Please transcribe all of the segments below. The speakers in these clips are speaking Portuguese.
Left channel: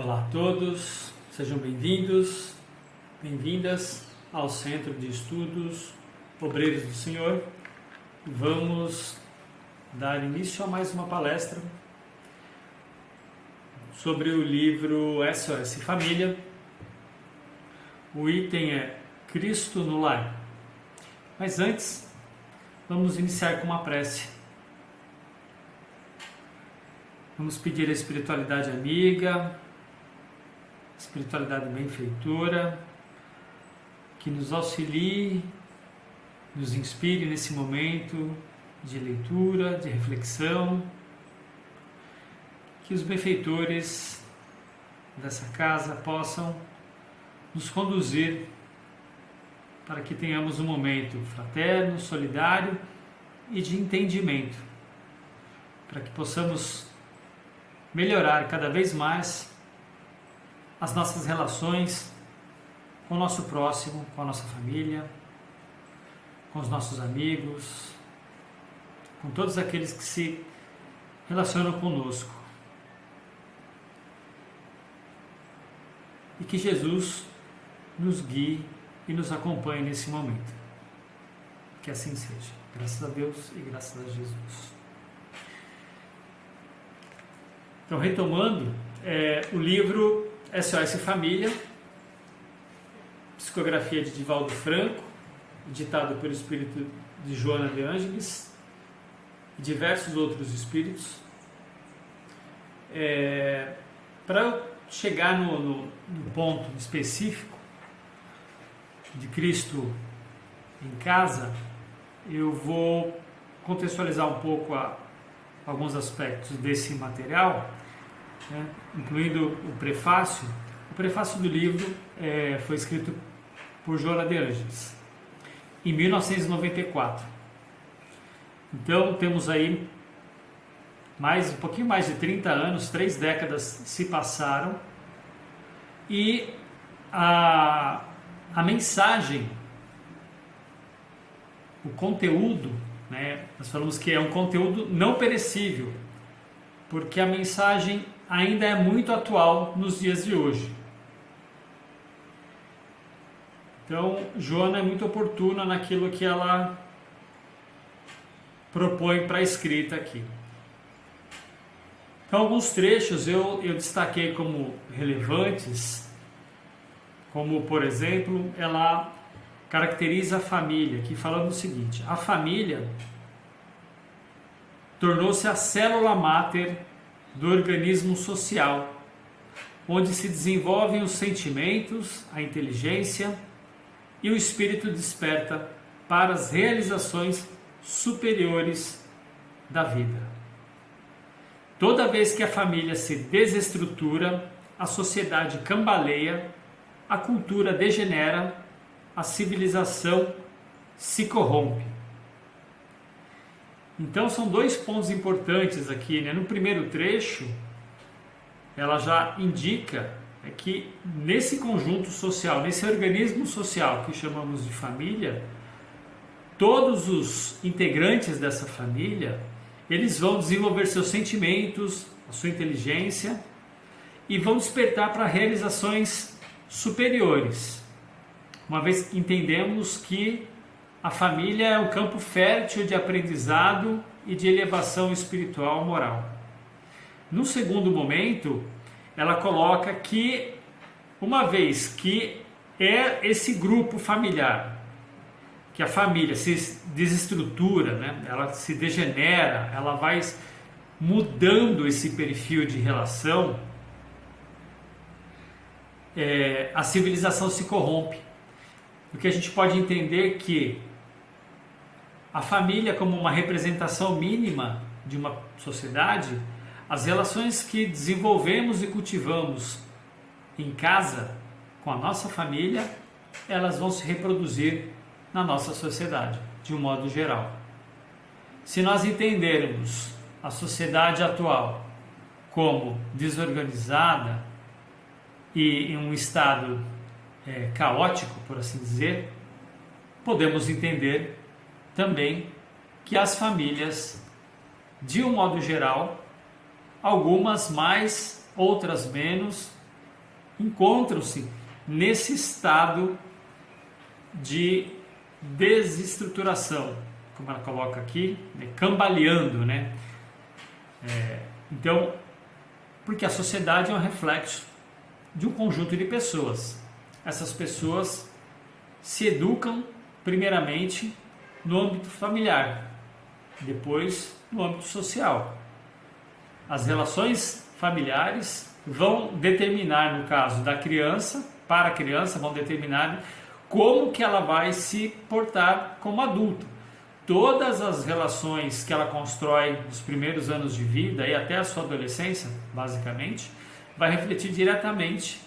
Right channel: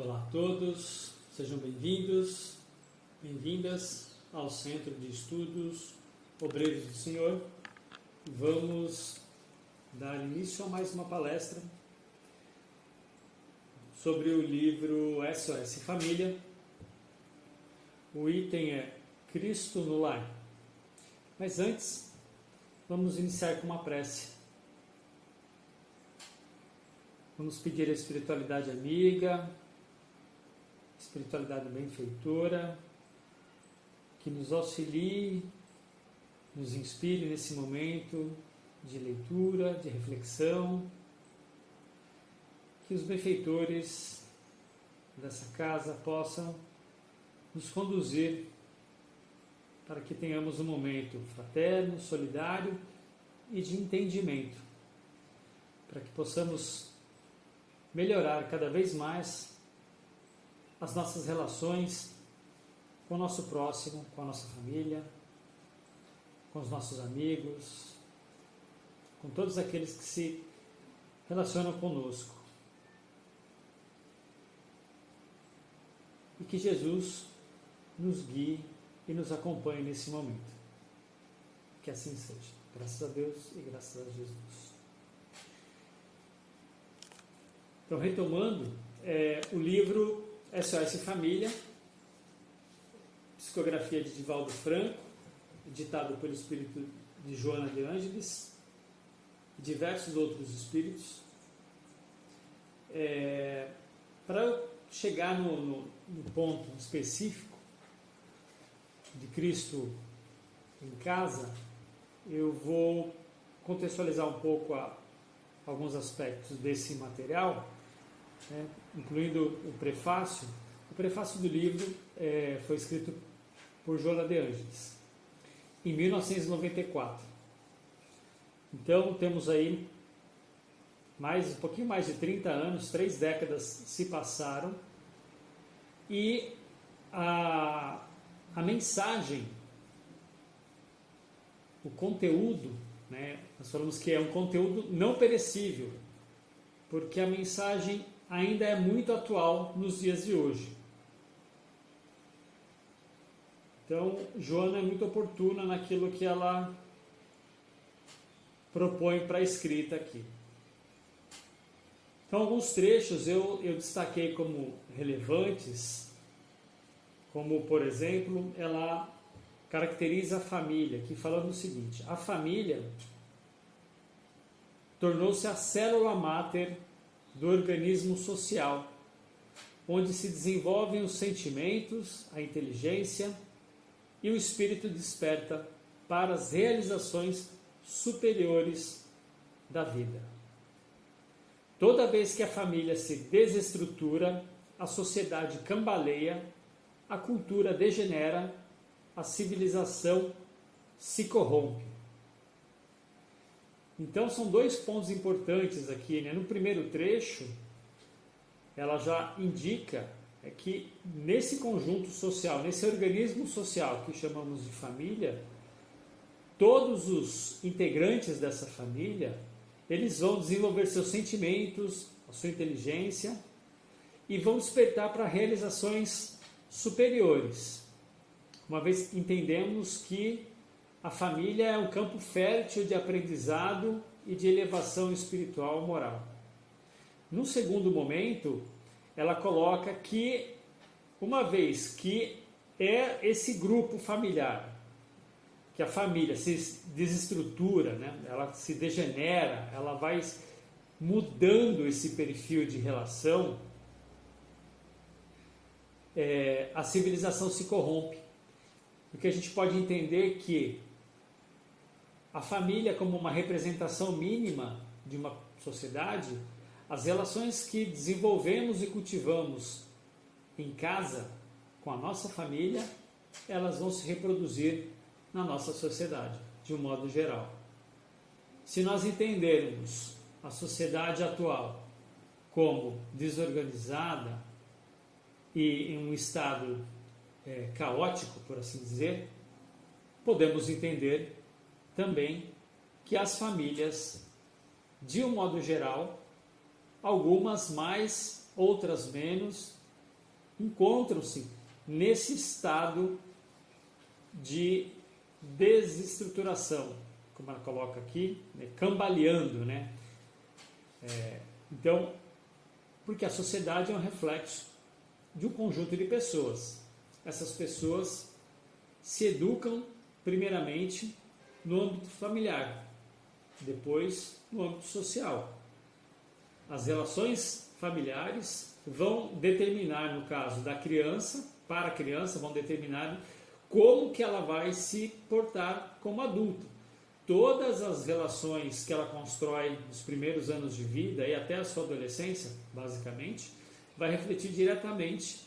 Olá a todos, sejam bem-vindos, bem-vindas ao Centro de Estudos Obreiros do Senhor. Vamos dar início a mais uma palestra sobre o livro SOS Família. O item é Cristo no Lar. Mas antes, vamos iniciar com uma prece. Vamos pedir a espiritualidade amiga, espiritualidade benfeitora, que nos auxilie, nos inspire nesse momento de leitura, de reflexão, que os benfeitores dessa casa possam nos conduzir para que tenhamos um momento fraterno, solidário e de entendimento, para que possamos melhorar cada vez mais as nossas relações com o nosso próximo, com a nossa família, com os nossos amigos, com todos aqueles que se relacionam conosco. E que Jesus nos guie e nos acompanhe nesse momento. Que assim seja. Graças a Deus e graças a Jesus. Então, retomando, o livro SOS Família, psicografia de Divaldo Franco, ditado pelo espírito de Joana de Ângeles e diversos outros espíritos. Para chegar no ponto específico de Cristo em casa, eu vou contextualizar um pouco alguns aspectos desse material, incluindo o prefácio. O prefácio do livro foi escrito por Joana de Ângeles em 1994. Então temos aí um pouquinho mais de 30 anos, 3 décadas se passaram, e a mensagem, o conteúdo, nós falamos que é um conteúdo não perecível, porque a mensagem ainda é muito atual nos dias de hoje. Então, Joana é muito oportuna naquilo que ela propõe para a escrita aqui. Então, alguns trechos eu destaquei como relevantes, como, por exemplo, ela caracteriza a família, aqui falando o seguinte: a família tornou-se a célula máter do organismo social, onde se desenvolvem os sentimentos, a inteligência e o espírito desperta para as realizações superiores da vida. Toda vez que a família se desestrutura, a sociedade cambaleia, a cultura degenera, a civilização se corrompe. Então são 2 pontos importantes aqui, No primeiro trecho, ela já indica que nesse conjunto social, nesse organismo social que chamamos de família, todos os integrantes dessa família, eles vão desenvolver seus sentimentos, a sua inteligência, e vão despertar para realizações superiores, uma vez que entendemos que a família é um campo fértil de aprendizado e de elevação espiritual moral. No segundo momento, ela coloca que, uma vez que é esse grupo familiar, que a família se desestrutura, ela se degenera, ela vai mudando esse perfil de relação, a civilização se corrompe. Porque a gente pode entender que a família, como uma representação mínima de uma sociedade, as relações que desenvolvemos e cultivamos em casa, com a nossa família, elas vão se reproduzir na nossa sociedade, de um modo geral. Se nós entendermos a sociedade atual como desorganizada e em um estado caótico, por assim dizer, podemos entender também que as famílias, de um modo geral, algumas mais, outras menos, encontram-se nesse estado de desestruturação, como ela coloca aqui, né, cambaleando, né? Então, porque a sociedade é um reflexo de um conjunto de pessoas. Essas pessoas se educam primeiramente no âmbito familiar, depois no âmbito social. As relações familiares vão determinar, no caso da criança, para a criança, vão determinar como que ela vai se portar como adulto. Todas as relações que ela constrói nos primeiros anos de vida e até a sua adolescência, basicamente, vai refletir diretamente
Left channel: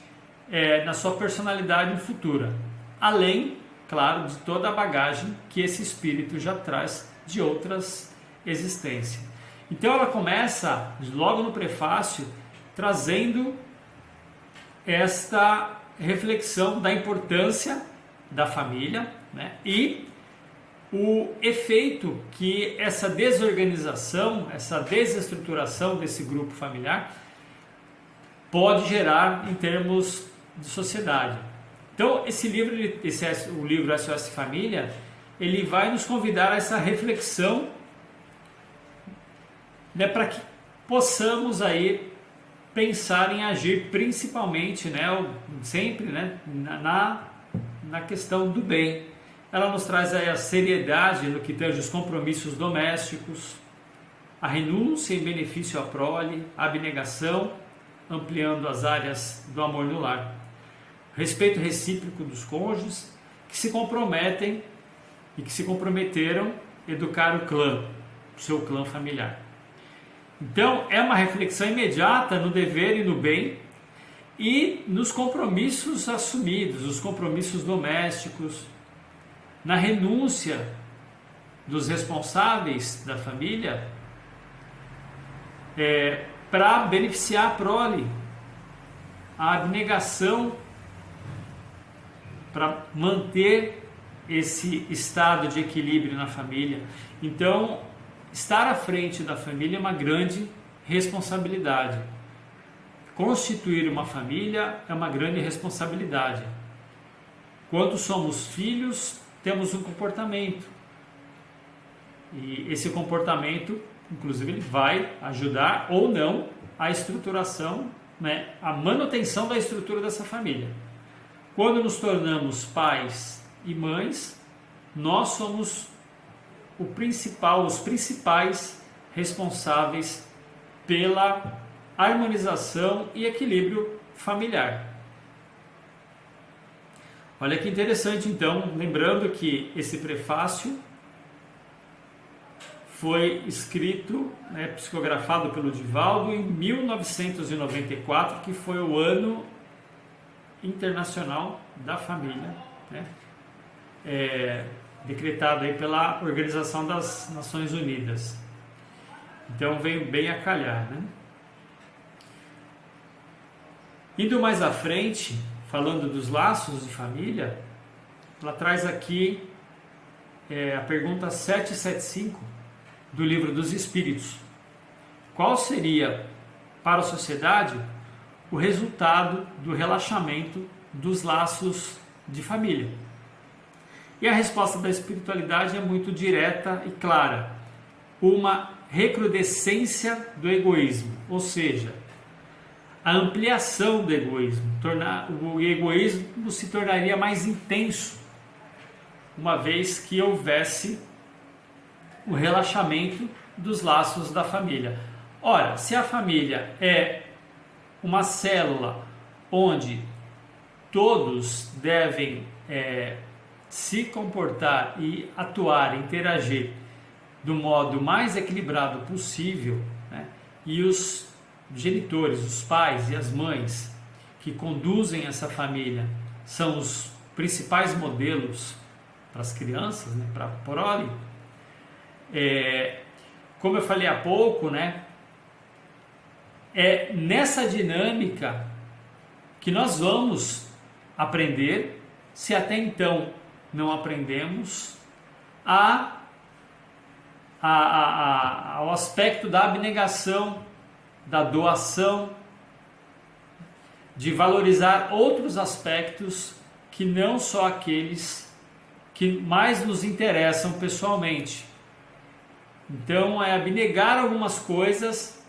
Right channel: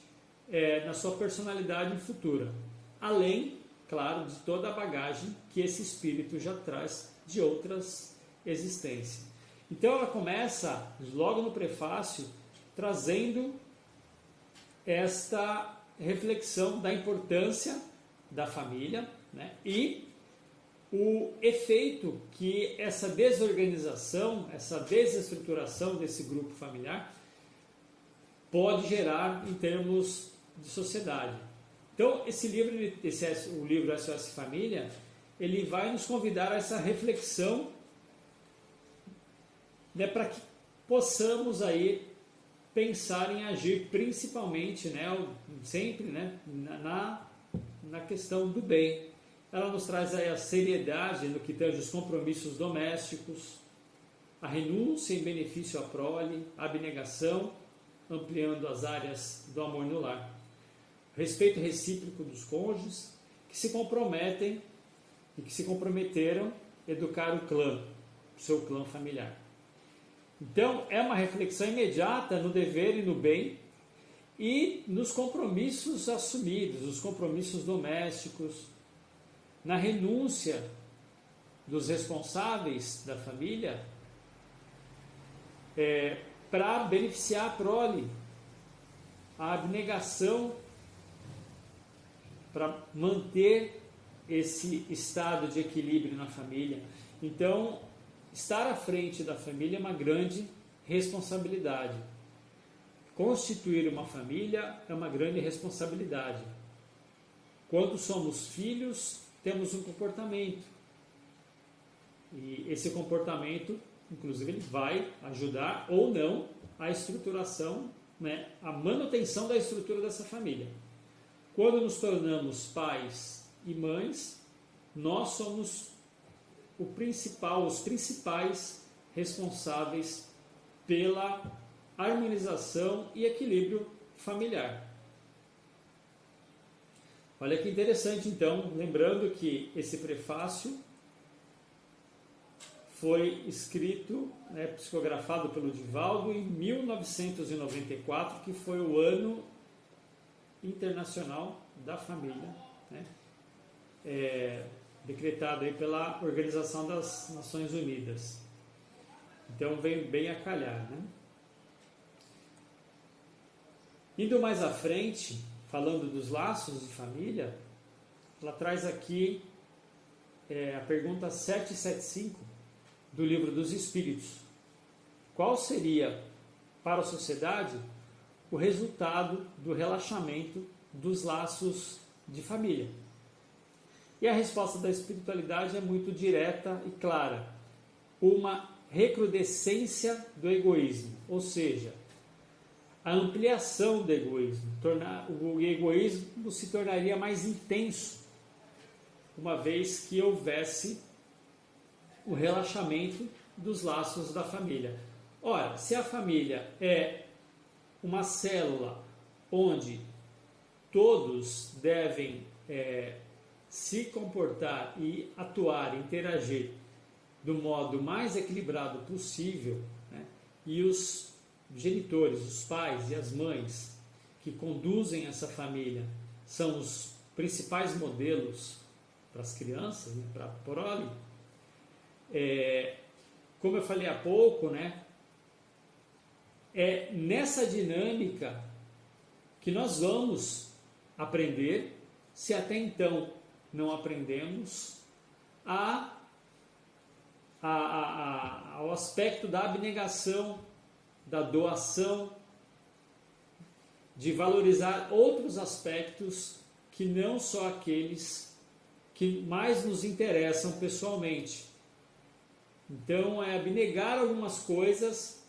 na sua personalidade futura. Além, claro, de toda a bagagem que esse espírito já traz de outras existências. Então ela começa, logo no prefácio, trazendo esta reflexão da importância da família, né, e o efeito que essa desorganização, essa desestruturação desse grupo familiar pode gerar em termos de sociedade. Então, esse livro, o livro SOS Família, ele vai nos convidar a essa reflexão, né, para que possamos aí pensar em agir principalmente, né, sempre, né, na questão do bem. Ela nos traz aí a seriedade no que tange os compromissos domésticos, a renúncia em benefício à prole, a abnegação, ampliando as áreas do amor no lar, respeito recíproco dos cônjuges que se comprometem e que se comprometeram a educar o clã, o seu clã familiar. Então, é uma reflexão imediata no dever e no bem e nos compromissos assumidos, os compromissos domésticos, na renúncia dos responsáveis da família para beneficiar a prole, a abnegação para manter esse estado de equilíbrio na família. Então, estar à frente da família é uma grande responsabilidade. Constituir uma família é uma grande responsabilidade. Quando somos filhos, temos um comportamento. E esse comportamento, inclusive, ele vai ajudar ou não a estruturação, né, a manutenção da estrutura dessa família. Quando nos tornamos pais e mães, nós somos os principais responsáveis pela harmonização e equilíbrio familiar. Olha que interessante, então, lembrando que esse prefácio foi escrito, né, psicografado pelo Divaldo em 1994, que foi o ano internacional da família, né, decretado aí pela Organização das Nações Unidas. Então veio bem a calhar, né? Indo mais à frente, falando dos laços de família, ela traz aqui a pergunta 775 do Livro dos Espíritos. Qual seria, para a sociedade, o resultado do relaxamento dos laços de família? E a resposta da espiritualidade é muito direta e clara. Uma recrudescência do egoísmo, ou seja, a ampliação do egoísmo. O egoísmo se tornaria mais intenso, uma vez que houvesse o relaxamento dos laços da família. Ora, se a família é uma célula onde todos devem se comportar e atuar, interagir do modo mais equilibrado possível, né, e os genitores, os pais e as mães que conduzem essa família são os principais modelos para as crianças, né, para a prole, como eu falei há pouco, né, é nessa dinâmica que nós vamos aprender, se até então não aprendemos, ao aspecto da abnegação, da doação, de valorizar outros aspectos que não só aqueles que mais nos interessam pessoalmente. Então, é abnegar algumas coisas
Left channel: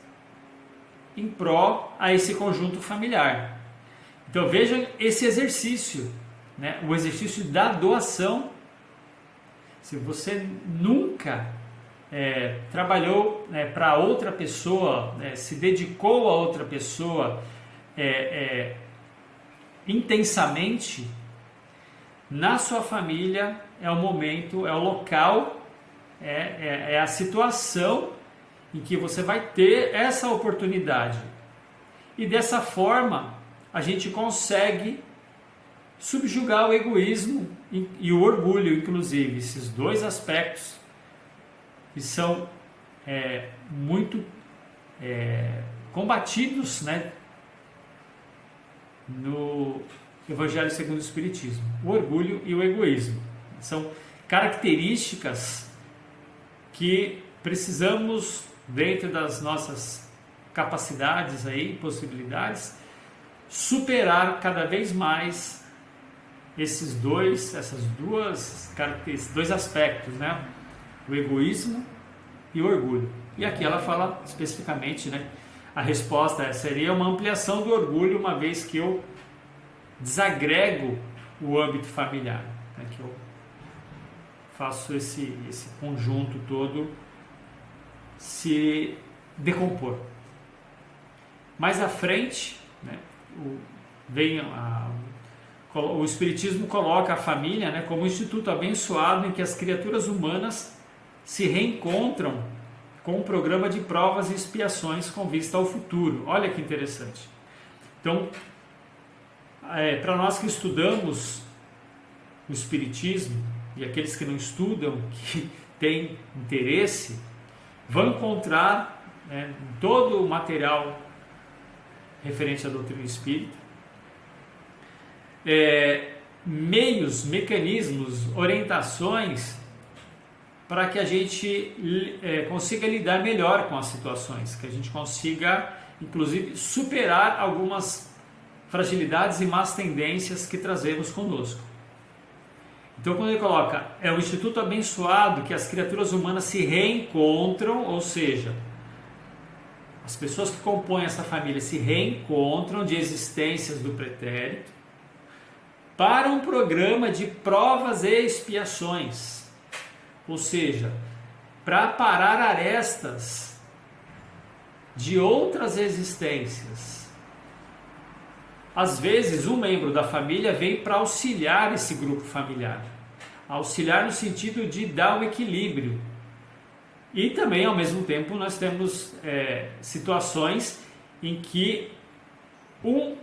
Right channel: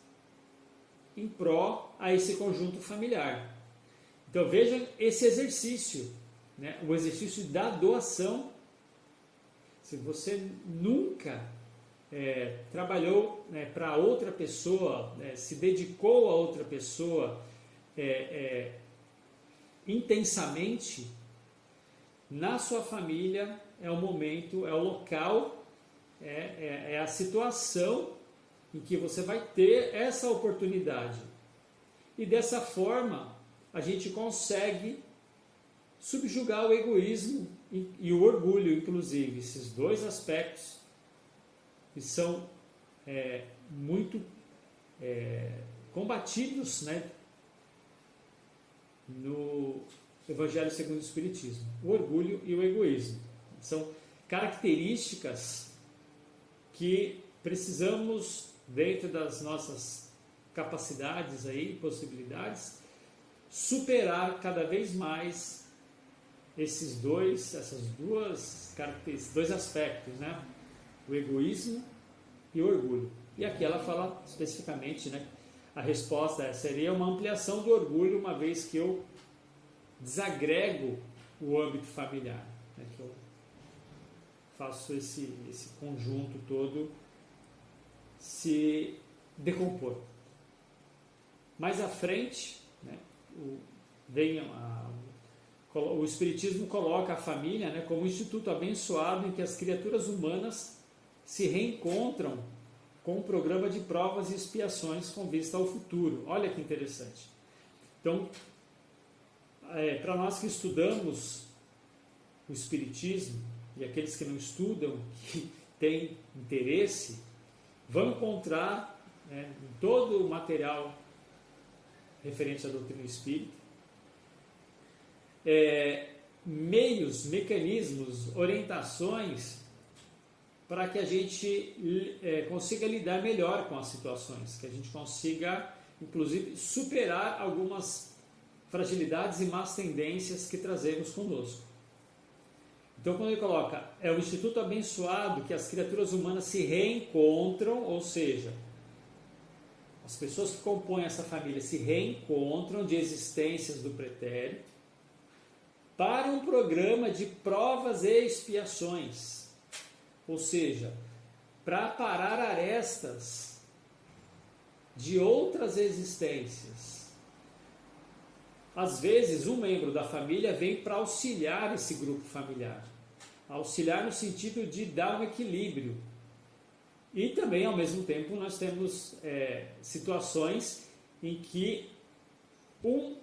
em pró a esse conjunto familiar. Então, vejam esse exercício, né? O exercício da doação. Se você nunca trabalhou para outra pessoa, se dedicou a outra pessoa intensamente, na sua família é o momento, é o local, é a situação em que você vai ter essa oportunidade. E dessa forma, a gente consegue subjugar o egoísmo e o orgulho, inclusive, esses dois aspectos que são muito combatidos, né, no Evangelho segundo o Espiritismo. O orgulho e o egoísmo são características que precisamos, dentro das nossas capacidades aí, possibilidades, superar cada vez mais esses dois aspectos, né? O egoísmo e o orgulho. E aqui ela fala especificamente, né? A resposta seria uma ampliação do orgulho, uma vez que eu desagrego o âmbito familiar, né? Que eu faço esse conjunto todo se decompor. Mais à frente, né? O Espiritismo coloca a família, né, como um instituto abençoado em que as criaturas humanas se reencontram com um programa de provas e expiações com vista ao futuro. Olha que interessante. Então, para nós que estudamos o Espiritismo, e aqueles que não estudam, que têm interesse, vão encontrar todo o material referente à doutrina espírita, meios, mecanismos, orientações para que a gente consiga lidar melhor com as situações, que a gente consiga, inclusive, superar algumas fragilidades e más tendências que trazemos conosco. Então, quando ele coloca, é o instituto abençoado que as criaturas humanas se reencontram, ou seja, as pessoas que compõem essa família se reencontram de existências do pretérito para um programa de provas e expiações, ou seja, para parar arestas de outras existências. Às vezes, um membro da família vem para auxiliar esse grupo familiar, auxiliar no sentido de dar um equilíbrio. E também, ao mesmo tempo, nós temos situações em que um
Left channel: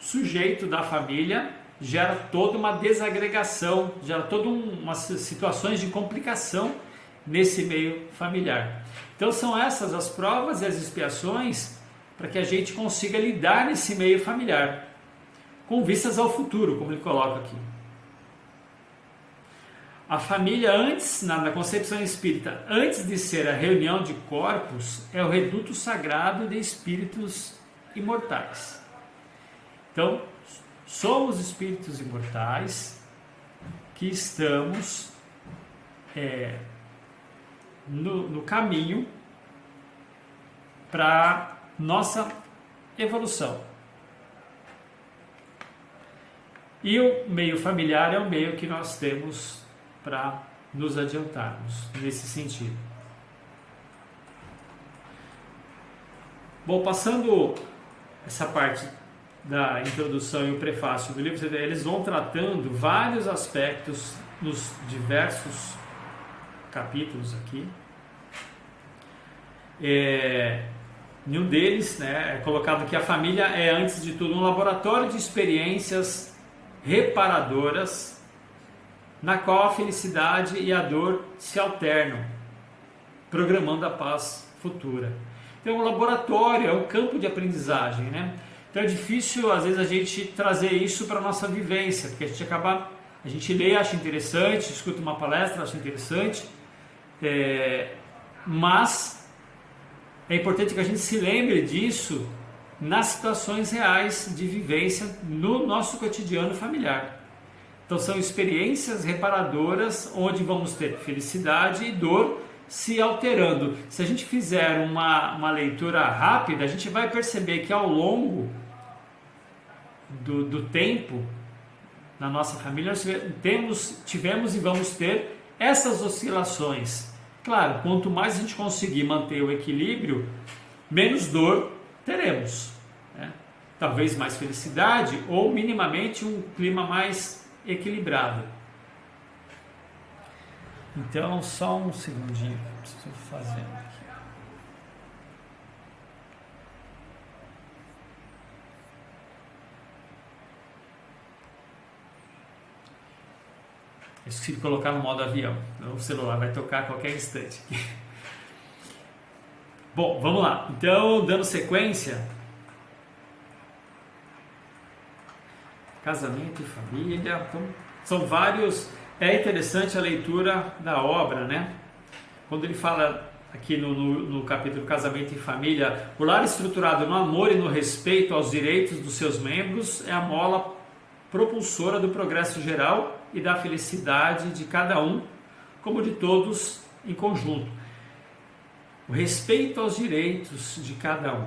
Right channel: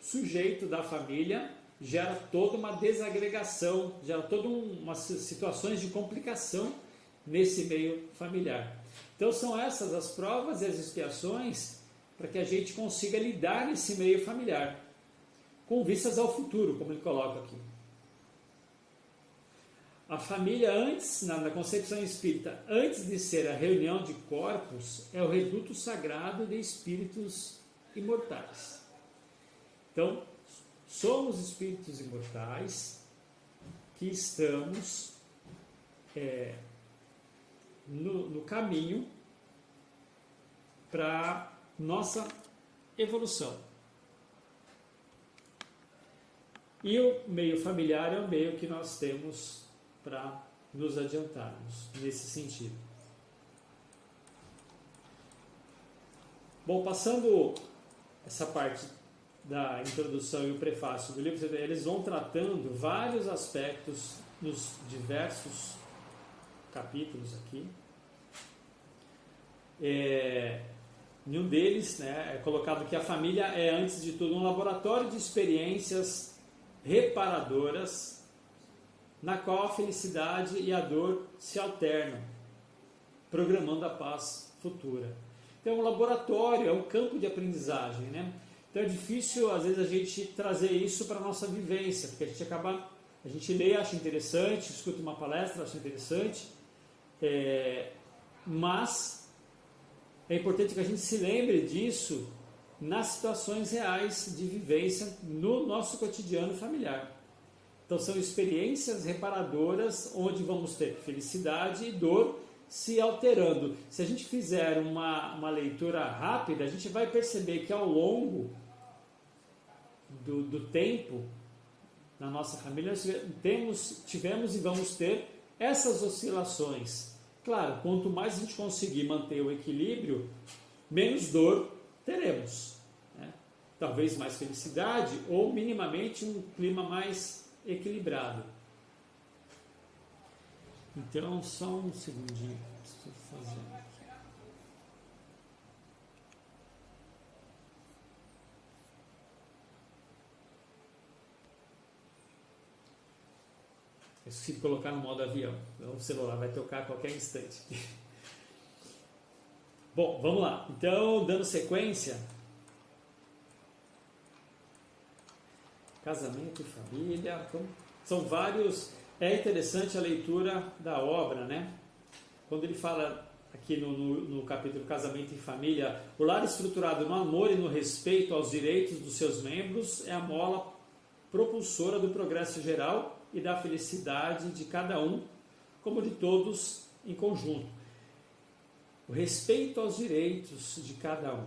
sujeito da família gera toda uma desagregação, gera todas umas situações de complicação nesse meio familiar. Então, são essas as provas e as expiações para que a gente consiga lidar nesse meio familiar, com vistas ao futuro, como ele coloca aqui. A família, antes, na concepção espírita, antes de ser a reunião de corpos, é o reduto sagrado de espíritos imortais. Então, somos espíritos imortais que estamos no caminho para nossa evolução. E o meio familiar é o meio que nós temos para nos adiantarmos nesse sentido. Bom, passando essa parte da introdução e o prefácio do livro, eles vão tratando vários aspectos nos diversos capítulos aqui. Em um deles, né, é colocado que a família é, antes de tudo, um laboratório de experiências reparadoras, na qual a felicidade e a dor se alternam, programando a paz futura. Então, é um laboratório, é um campo de aprendizagem, né? Então, é difícil, às vezes, a gente trazer isso para a nossa vivência, porque a gente lê, acha interessante, escuta uma palestra, acha interessante, mas é importante que a gente se lembre disso nas situações reais de vivência no nosso cotidiano familiar. Então são experiências reparadoras onde vamos ter felicidade e dor se alterando. Se a gente fizer uma leitura rápida, a gente vai perceber que ao longo do tempo, na nossa família, nós tivemos e vamos ter essas oscilações. Claro, quanto mais a gente conseguir manter o equilíbrio, menos dor teremos, né? Talvez mais felicidade ou minimamente um clima mais equilibrado. Então, só um segundinho que eu preciso fazer aqui. Eu esqueci de colocar no modo avião, então o celular vai tocar a qualquer instante. Bom, vamos lá. Então, dando sequência, casamento e família, então, são vários. É interessante a leitura da obra, né? Quando ele fala aqui no capítulo Casamento e Família, o lar estruturado no amor e no respeito aos direitos dos seus membros é a mola propulsora do progresso geral e da felicidade de cada um, como de todos em conjunto. O respeito aos direitos de cada um.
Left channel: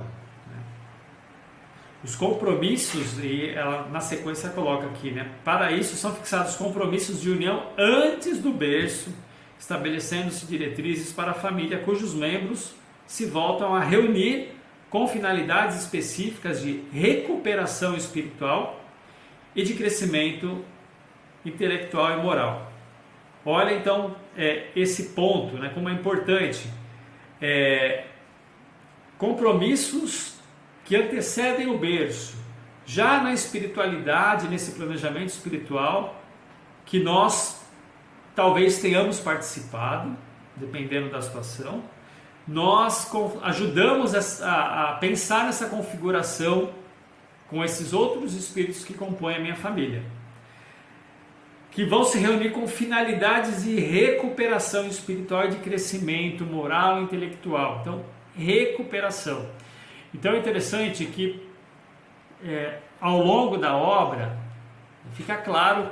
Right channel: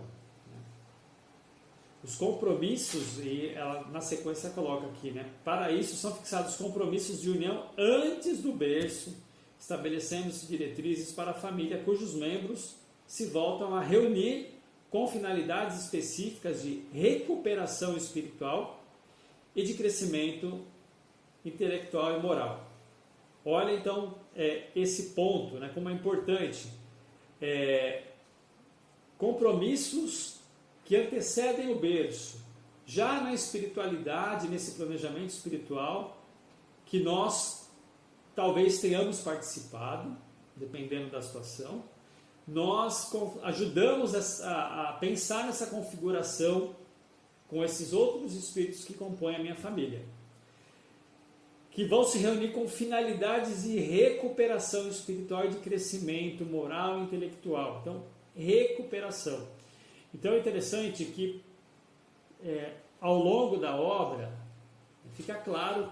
Os compromissos, e ela na sequência coloca aqui, né? Para isso são fixados compromissos de união antes do berço, estabelecendo-se diretrizes para a família cujos membros se voltam a reunir com finalidades específicas de recuperação espiritual e de crescimento intelectual e moral. Olha então esse ponto, né, como é importante. Compromissos que antecedem o berço, já na espiritualidade, nesse planejamento espiritual, que nós talvez tenhamos participado, dependendo da situação, nós ajudamos a pensar nessa configuração com esses outros espíritos que compõem a minha família, que vão se reunir com finalidades de recuperação espiritual e de crescimento moral e intelectual. Então, recuperação. Então é interessante que ao longo da obra fica claro,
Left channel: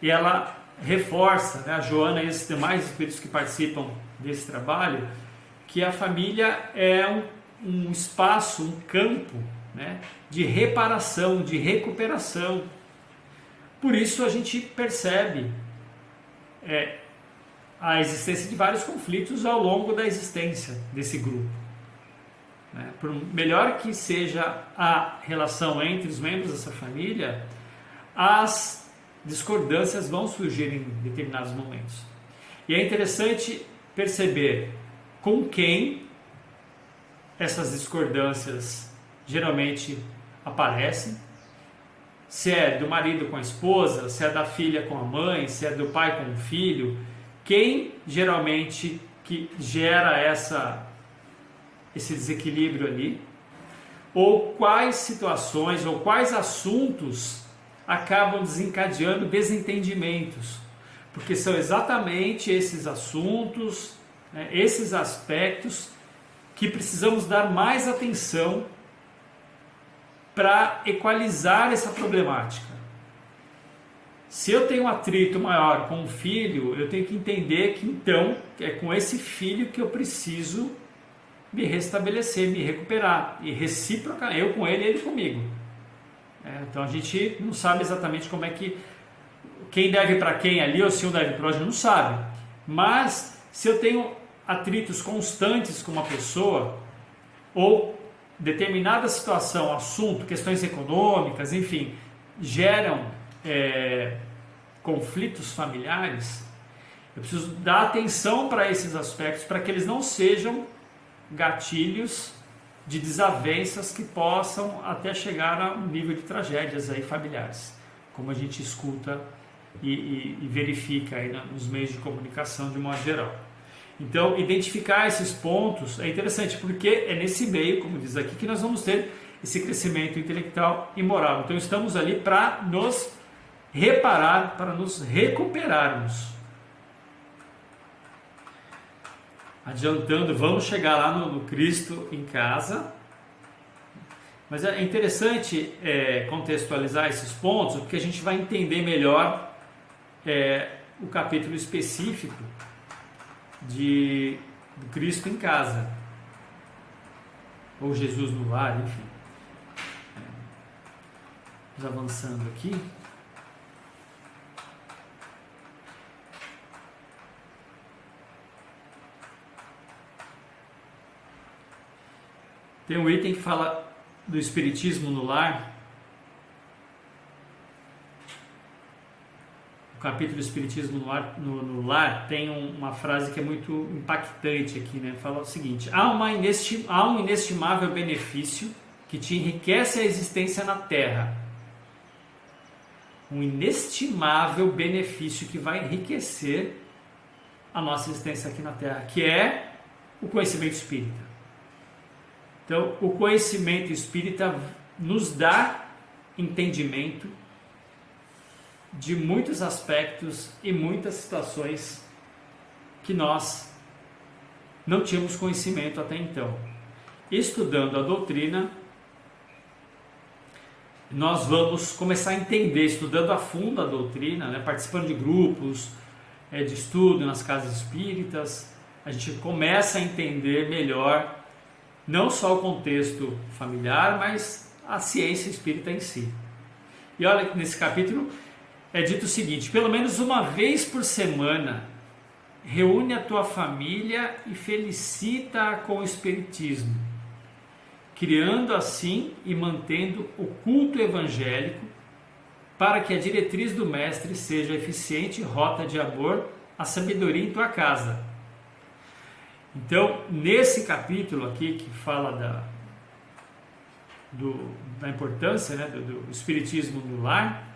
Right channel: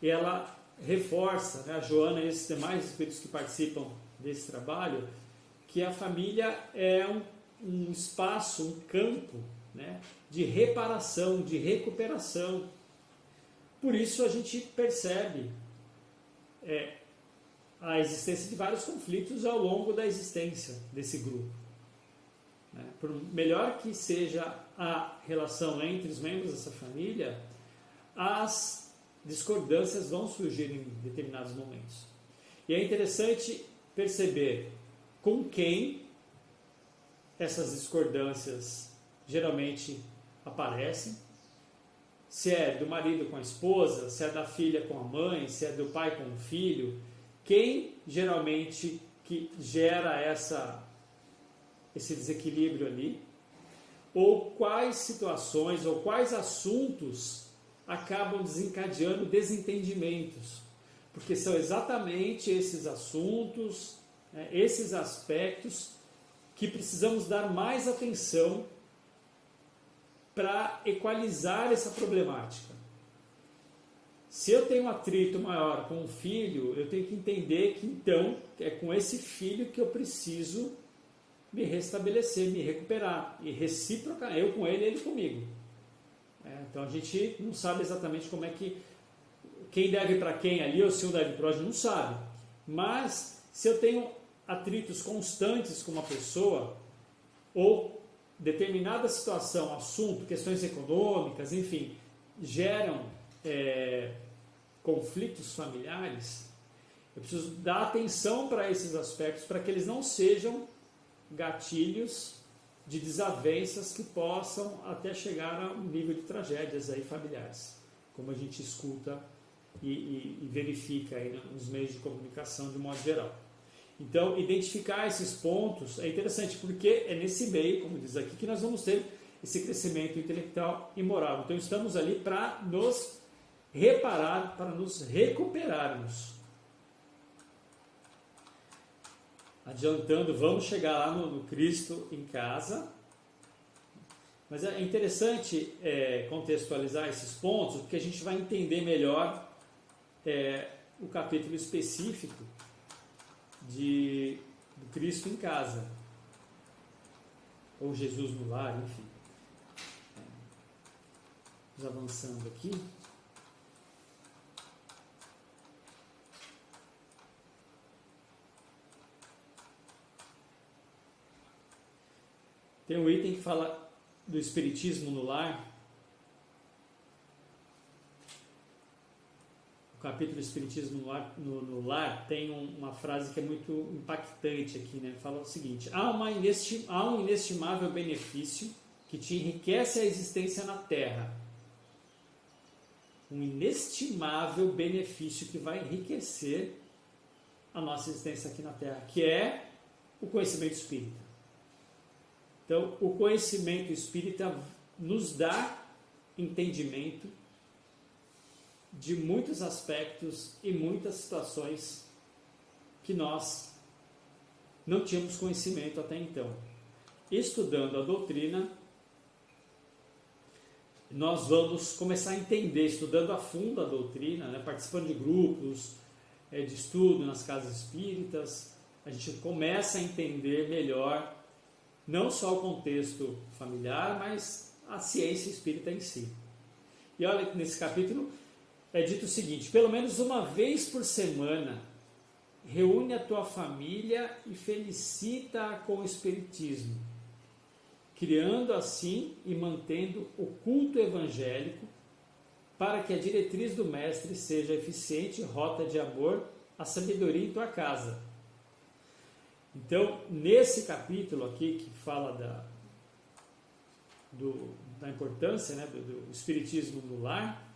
e ela reforça, né, a Joana e esses demais espíritos que participam desse trabalho, que a família é um espaço, um campo, né, de reparação, de recuperação. Por isso a gente percebe a existência de vários conflitos ao longo da existência desse grupo. Por melhor que seja a relação entre os membros dessa família, as discordâncias vão surgir em determinados momentos. E é interessante perceber com quem essas discordâncias geralmente aparecem, se é do marido com a esposa, se é da filha com a mãe, se é do pai com o filho, quem geralmente que gera esse desequilíbrio ali, ou quais situações, ou quais assuntos acabam desencadeando desentendimentos, porque são exatamente esses assuntos, né, esses aspectos que precisamos dar mais atenção para equalizar essa problemática. Se eu tenho um atrito maior com um filho, eu tenho que entender que então é com esse filho que eu preciso me restabelecer, me recuperar, e recíproca, eu com ele e ele comigo. Então a gente não sabe exatamente como é que, quem deve para quem ali, ou se um deve para o outro, não sabe. Mas se eu tenho atritos constantes com uma pessoa, ou determinada situação, assunto, questões econômicas, enfim, geram conflitos familiares, eu preciso dar atenção para esses aspectos, para que eles não sejam gatilhos de desavenças que possam até chegar a um nível de tragédias aí familiares, como a gente escuta e verifica aí nos meios de comunicação de modo geral. Então, identificar esses pontos é interessante, porque é nesse meio, como diz aqui, que nós vamos ter esse crescimento intelectual e moral. Então, estamos ali para nos reparar, para nos recuperarmos. Adiantando, vamos chegar lá no Cristo em Casa. Mas é interessante contextualizar esses pontos, porque a gente vai entender melhor o capítulo específico do Cristo em casa, ou Jesus no lar, enfim. Vamos avançando aqui. Tem um item que fala do espiritismo no lar. O capítulo do espiritismo no lar tem uma frase que é muito impactante aqui, né? Fala o seguinte: há um inestimável benefício que te enriquece a existência na Terra. Um inestimável benefício que vai enriquecer a nossa existência aqui na Terra, que é o conhecimento espírita. Então, o conhecimento espírita nos dá entendimento de muitos aspectos e muitas situações que nós não tínhamos conhecimento até então. Estudando a doutrina, nós vamos começar a entender, estudando a fundo a doutrina, né, participando de grupos de estudo nas casas espíritas, a gente começa a entender melhor não só o contexto familiar, mas a ciência espírita em si. E olha, nesse capítulo é dito o seguinte: pelo menos uma vez por semana, reúne a tua família e felicita-a com o espiritismo, criando assim e mantendo o culto evangélico, para que a diretriz do mestre seja eficiente rota de amor à sabedoria em tua casa. Então, nesse capítulo aqui, que fala da importância, né, do espiritismo no lar,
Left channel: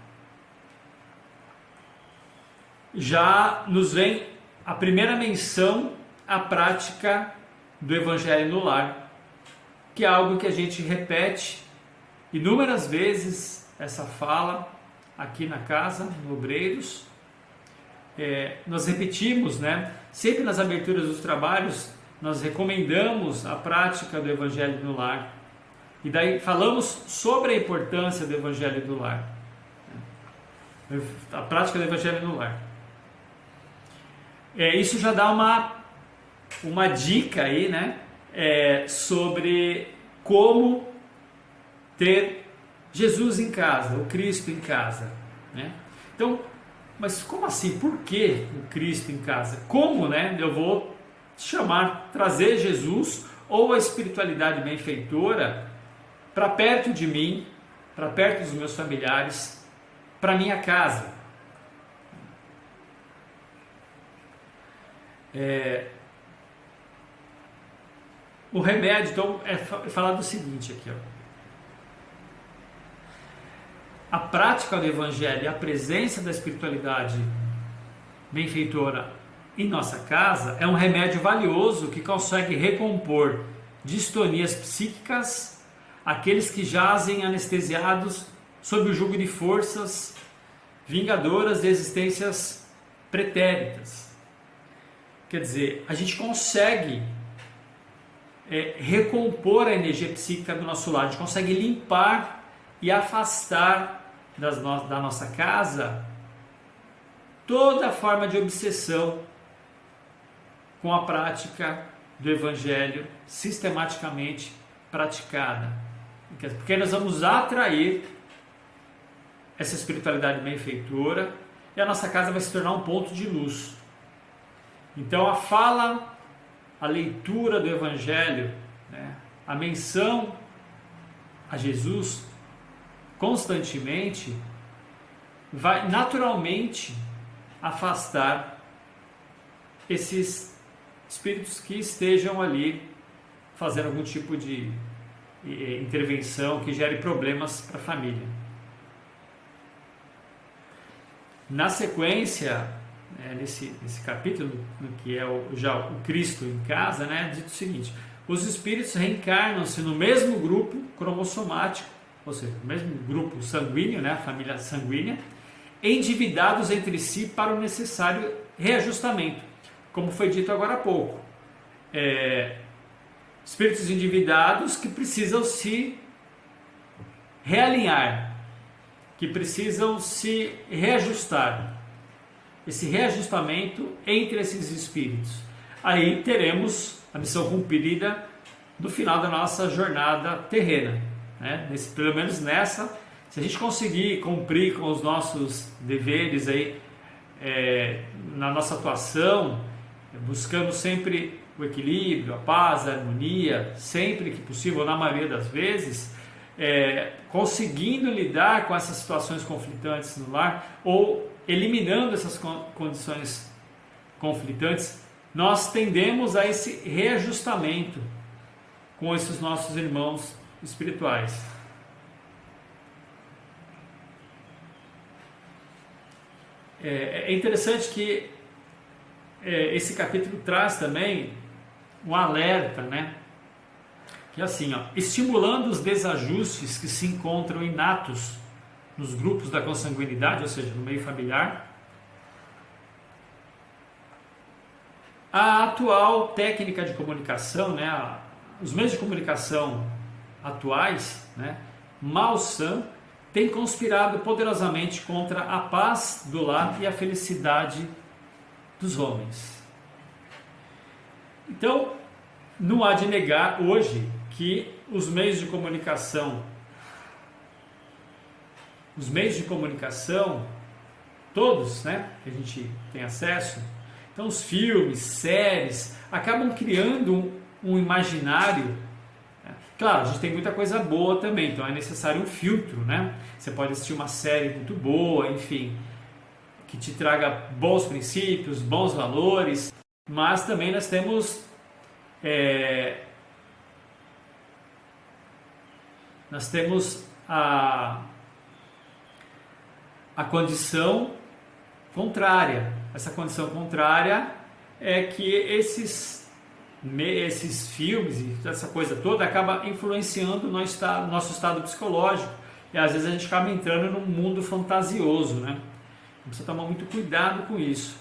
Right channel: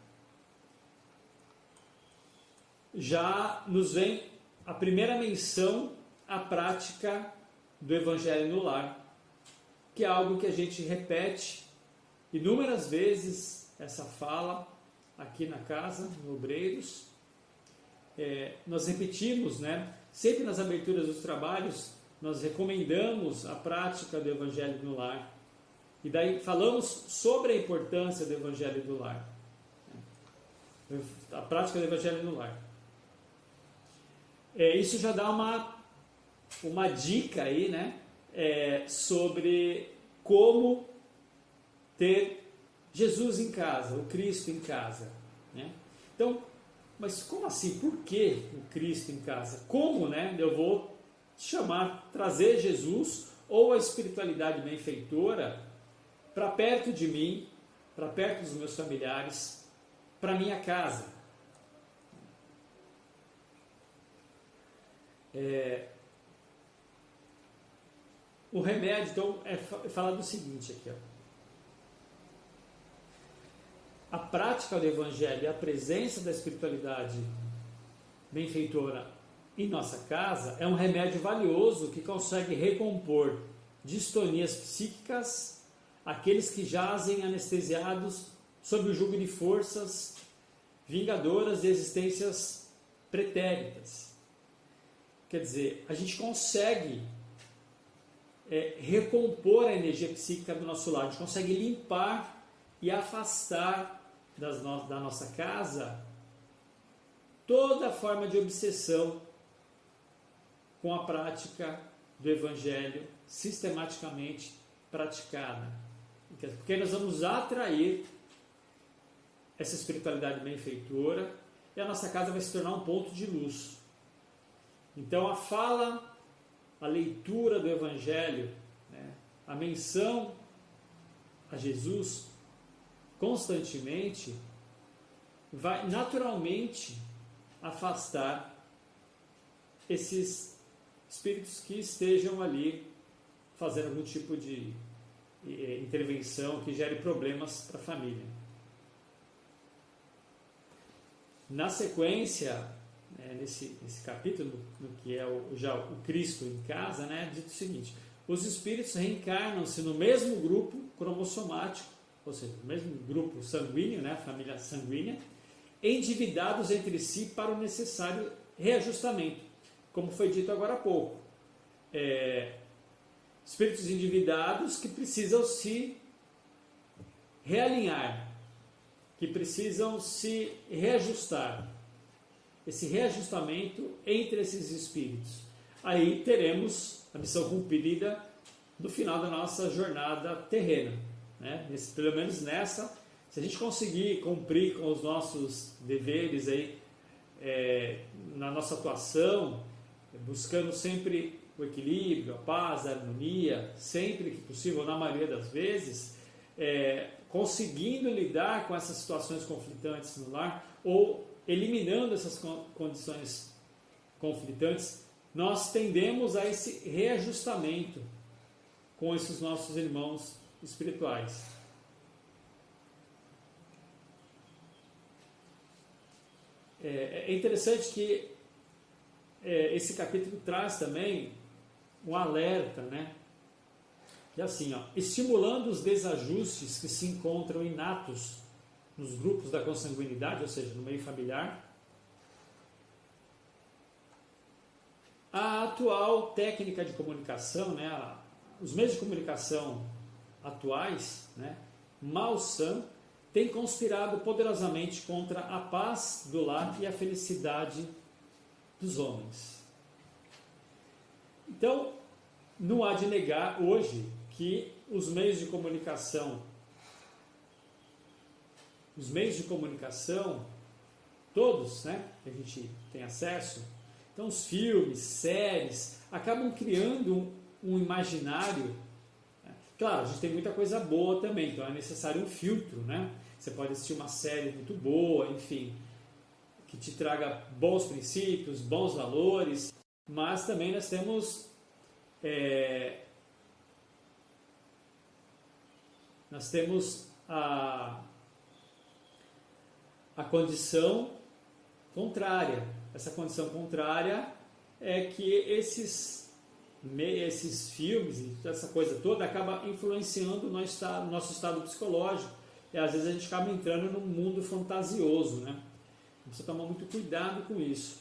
já nos vem a primeira menção à prática do evangelho no lar, que é algo que a gente repete inúmeras vezes, essa fala aqui na casa, no Obreiros. Nós repetimos, né? Sempre nas aberturas dos trabalhos, nós recomendamos a prática do Evangelho no lar. E daí falamos sobre a importância do Evangelho no lar. A prática do Evangelho no lar. Isso já dá uma dica aí, né? Sobre como ter Jesus em casa, o Cristo em casa, né? Então, mas como assim? Por que o Cristo em casa? Como, né? Eu vou trazer Jesus ou a espiritualidade benfeitora para perto de mim, para perto dos meus familiares, para minha casa. O remédio, então, é falar do seguinte aqui, ó. A prática do Evangelho e a presença da espiritualidade benfeitora em nossa casa é um remédio valioso que consegue recompor distonias psíquicas àqueles que jazem anestesiados sob o jugo de forças vingadoras de existências pretéritas. Quer dizer, a gente consegue recompor a energia psíquica do nosso lar, a gente consegue limpar e afastar da nossa casa toda forma de obsessão com a prática do Evangelho sistematicamente praticada. Porque nós vamos atrair essa espiritualidade benfeitora e a nossa casa vai se tornar um ponto de luz. Então a fala, a leitura do Evangelho, né, a menção a Jesus constantemente vai naturalmente afastar esses espíritos que estejam ali fazendo algum tipo de intervenção que gere problemas para a família. Na sequência, nesse capítulo, que é já o Cristo em casa, né, diz o seguinte: os espíritos reencarnam-se no mesmo grupo cromossomático, ou seja, no mesmo grupo sanguíneo, né, a família sanguínea, endividados entre si para o necessário reajustamento, como foi dito agora há pouco. Espíritos endividados que precisam se realinhar, que precisam se reajustar. Esse reajustamento entre esses espíritos. Aí teremos a missão cumprida no final da nossa jornada terrena, né? Pelo menos nessa, se a gente conseguir cumprir com os nossos deveres aí, na nossa atuação, buscando sempre o equilíbrio, a paz, a harmonia, sempre que possível, na maioria das vezes, conseguindo lidar com essas situações conflitantes no lar ou eliminando essas condições conflitantes, nós tendemos a esse reajustamento com esses nossos irmãos espirituais. É interessante que esse capítulo traz também um alerta, né? Que é assim, ó, estimulando os desajustes que se encontram inatos nos grupos da consanguinidade, ou seja, no meio familiar, a atual técnica de comunicação, né, os meios de comunicação atuais, né, malsã, tem conspirado poderosamente contra a paz do lar e a felicidade dos homens. Então, não há de negar hoje que os meios de comunicação, todos, né, que a gente tem acesso, então os filmes, séries, acabam criando um imaginário. Claro, a gente tem muita coisa boa também, então é necessário um filtro, né? Você pode assistir uma série muito boa, enfim, que te traga bons princípios, bons valores, mas também nós temos a condição contrária. Essa condição contrária é que esses filmes e essa coisa toda acaba influenciando o nosso estado psicológico, e às vezes a gente acaba entrando num mundo fantasioso, né? Precisa tomar muito cuidado com isso.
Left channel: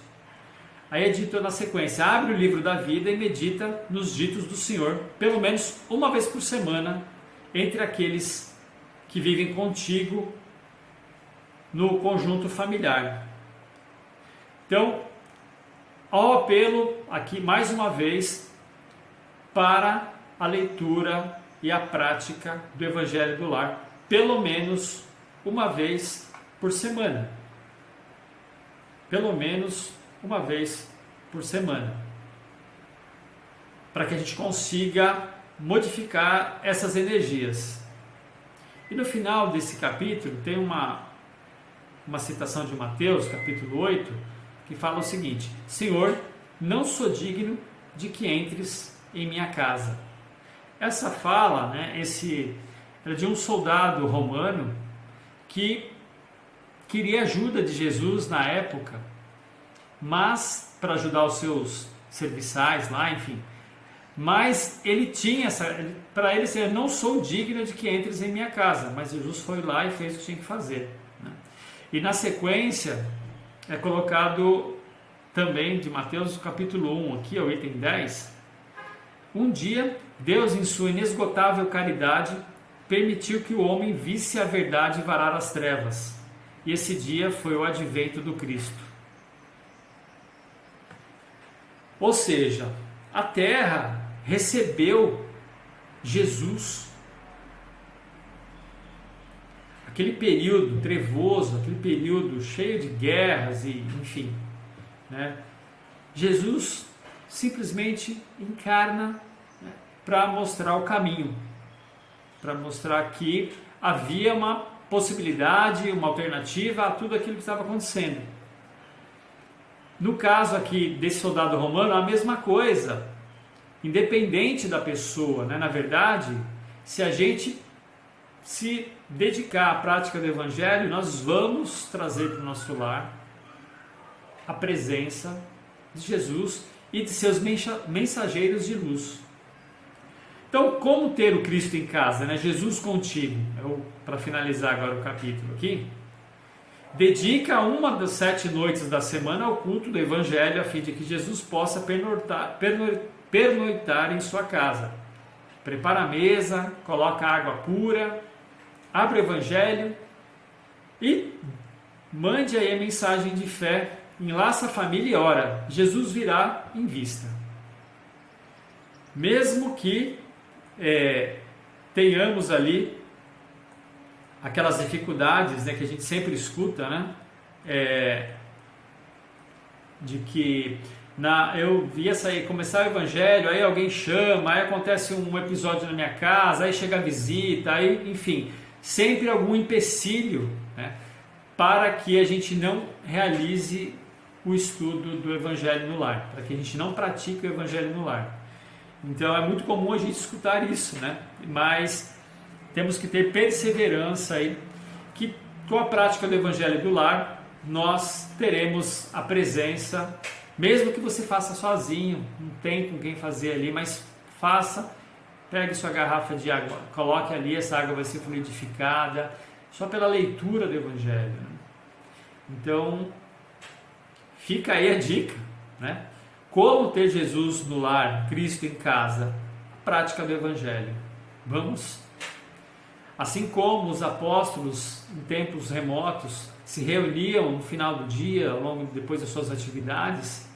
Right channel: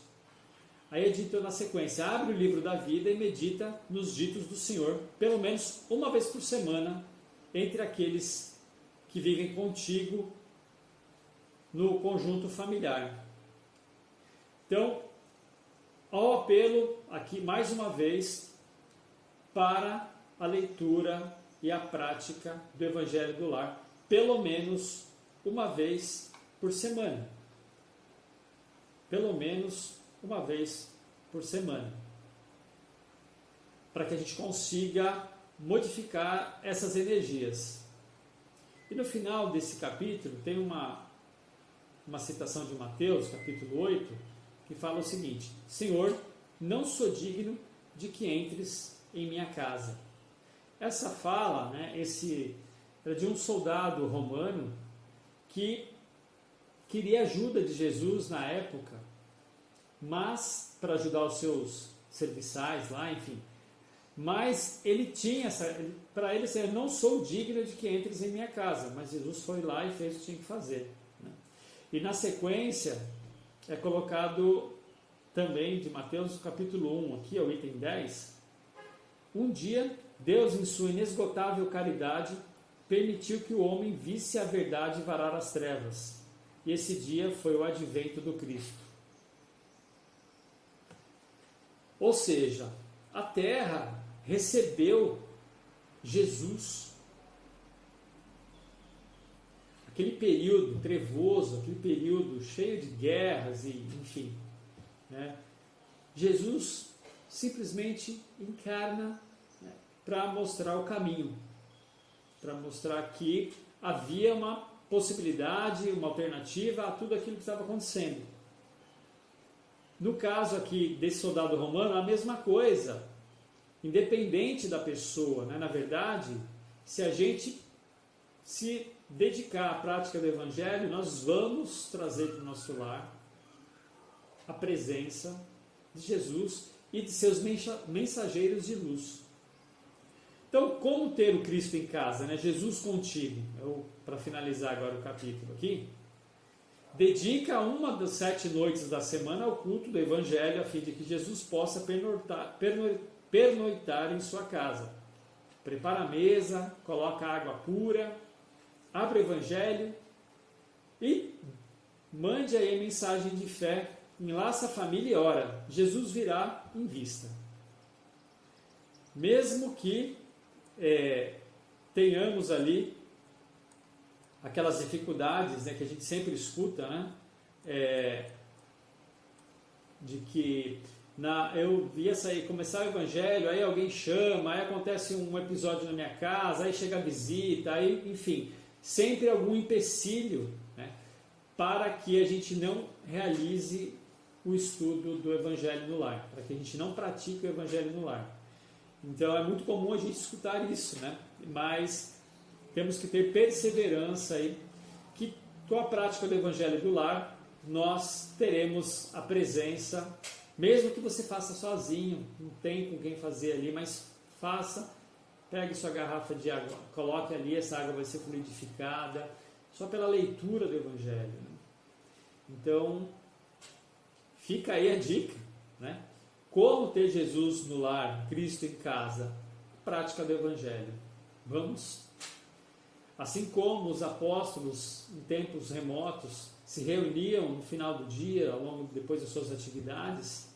Aí é dito na sequência: abre o livro da vida e medita nos ditos do Senhor, pelo menos uma vez por semana, entre aqueles que vivem contigo no conjunto familiar. Então, ao apelo aqui mais uma vez para a leitura e a prática do Evangelho do Lar, pelo menos uma vez por semana. Pelo menos uma vez por semana. Para que a gente consiga modificar essas energias. E no final desse capítulo tem uma citação de Mateus, capítulo 8, que fala o seguinte: Senhor, não sou digno de que entres em minha casa. Essa fala, né, era de um soldado romano que queria ajuda de Jesus na época, mas para ajudar os seus serviçais lá, enfim. Mas ele tinha para ele dizer: não sou digno de que entres em minha casa. Mas Jesus foi lá e fez o que tinha que fazer, né? E na sequência é colocado também de Mateus capítulo 1, aqui o item 10. Um dia, Deus, em sua inesgotável caridade, permitiu que o homem visse a verdade varar as trevas. E esse dia foi o advento do Cristo. Ou seja, a Terra recebeu Jesus. Aquele período trevoso, aquele período cheio de guerras e, enfim, né? Jesus simplesmente encarna, né, para mostrar o caminho, para mostrar que havia uma possibilidade, uma alternativa a tudo aquilo que estava acontecendo. No caso aqui desse soldado romano, a mesma coisa, independente da pessoa, né? Na verdade, se a gente se dedicar à prática do Evangelho, nós vamos trazer para o nosso lar a presença de Jesus e de seus mensageiros de luz. Então, como ter o Cristo em casa, né? Jesus contigo. Para finalizar agora o capítulo aqui, dedica uma das 7 noites da semana ao culto do Evangelho, a fim de que Jesus possa pernoitar em sua casa. Prepara a mesa, coloca água pura, Abra o Evangelho e mande aí a mensagem de fé, enlaça a família e ora. Jesus virá em vista. Mesmo que tenhamos ali aquelas dificuldades, né, que a gente sempre escuta, né, de que eu ia começar o Evangelho, aí alguém chama, aí acontece um episódio na minha casa, aí chega a visita, aí, enfim, sempre algum empecilho, né, para que a gente não realize o estudo do Evangelho no lar, para que a gente não pratique o Evangelho no lar. Então é muito comum a gente escutar isso, né? Mas temos que ter perseverança aí, que com a prática do Evangelho do lar, nós teremos a presença, mesmo que você faça sozinho, não tem com quem fazer ali, mas faça, pegue sua garrafa de água, coloque ali, essa água vai ser fluidificada, só pela leitura do Evangelho, né? Então, fica aí a dica, né? Como ter Jesus no lar, Cristo em casa, a prática do Evangelho. Vamos? Assim como os apóstolos em tempos remotos se reuniam no final do dia, depois das suas atividades,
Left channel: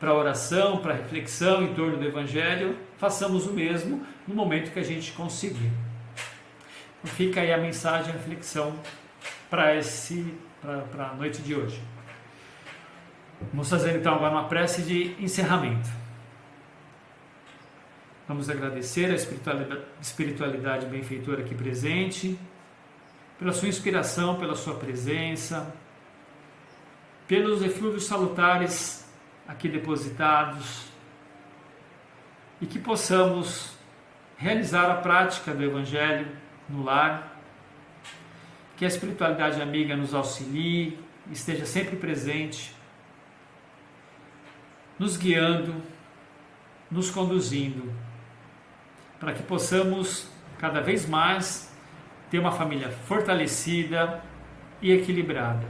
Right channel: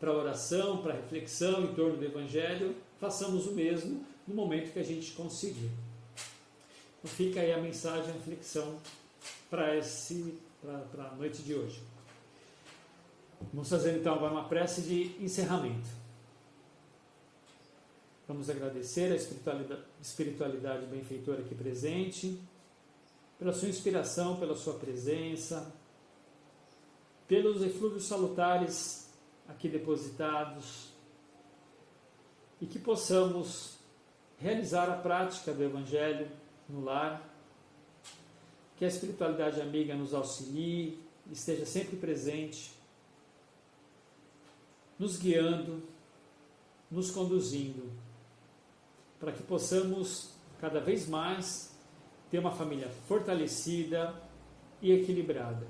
para oração, para reflexão em torno do Evangelho, façamos o mesmo no momento que a gente conseguir. Então fica aí a mensagem, a reflexão para a noite de hoje. Vamos fazer então agora uma prece de encerramento. Vamos agradecer a espiritualidade benfeitora aqui presente, pela sua inspiração, pela sua presença, pelos eflúvios salutares aqui depositados, e que possamos realizar a prática do Evangelho no lar, que a espiritualidade amiga nos auxilie, esteja sempre presente, nos guiando, nos conduzindo, para que possamos cada vez mais ter uma família fortalecida e equilibrada.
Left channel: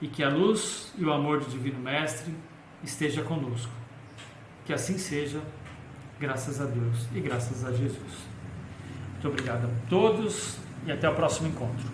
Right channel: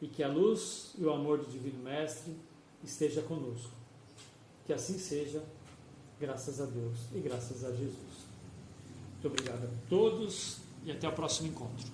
E que a luz e o amor do Divino Mestre esteja conosco. Que assim seja, graças a Deus e graças a Jesus. Muito obrigado a todos e até o próximo encontro.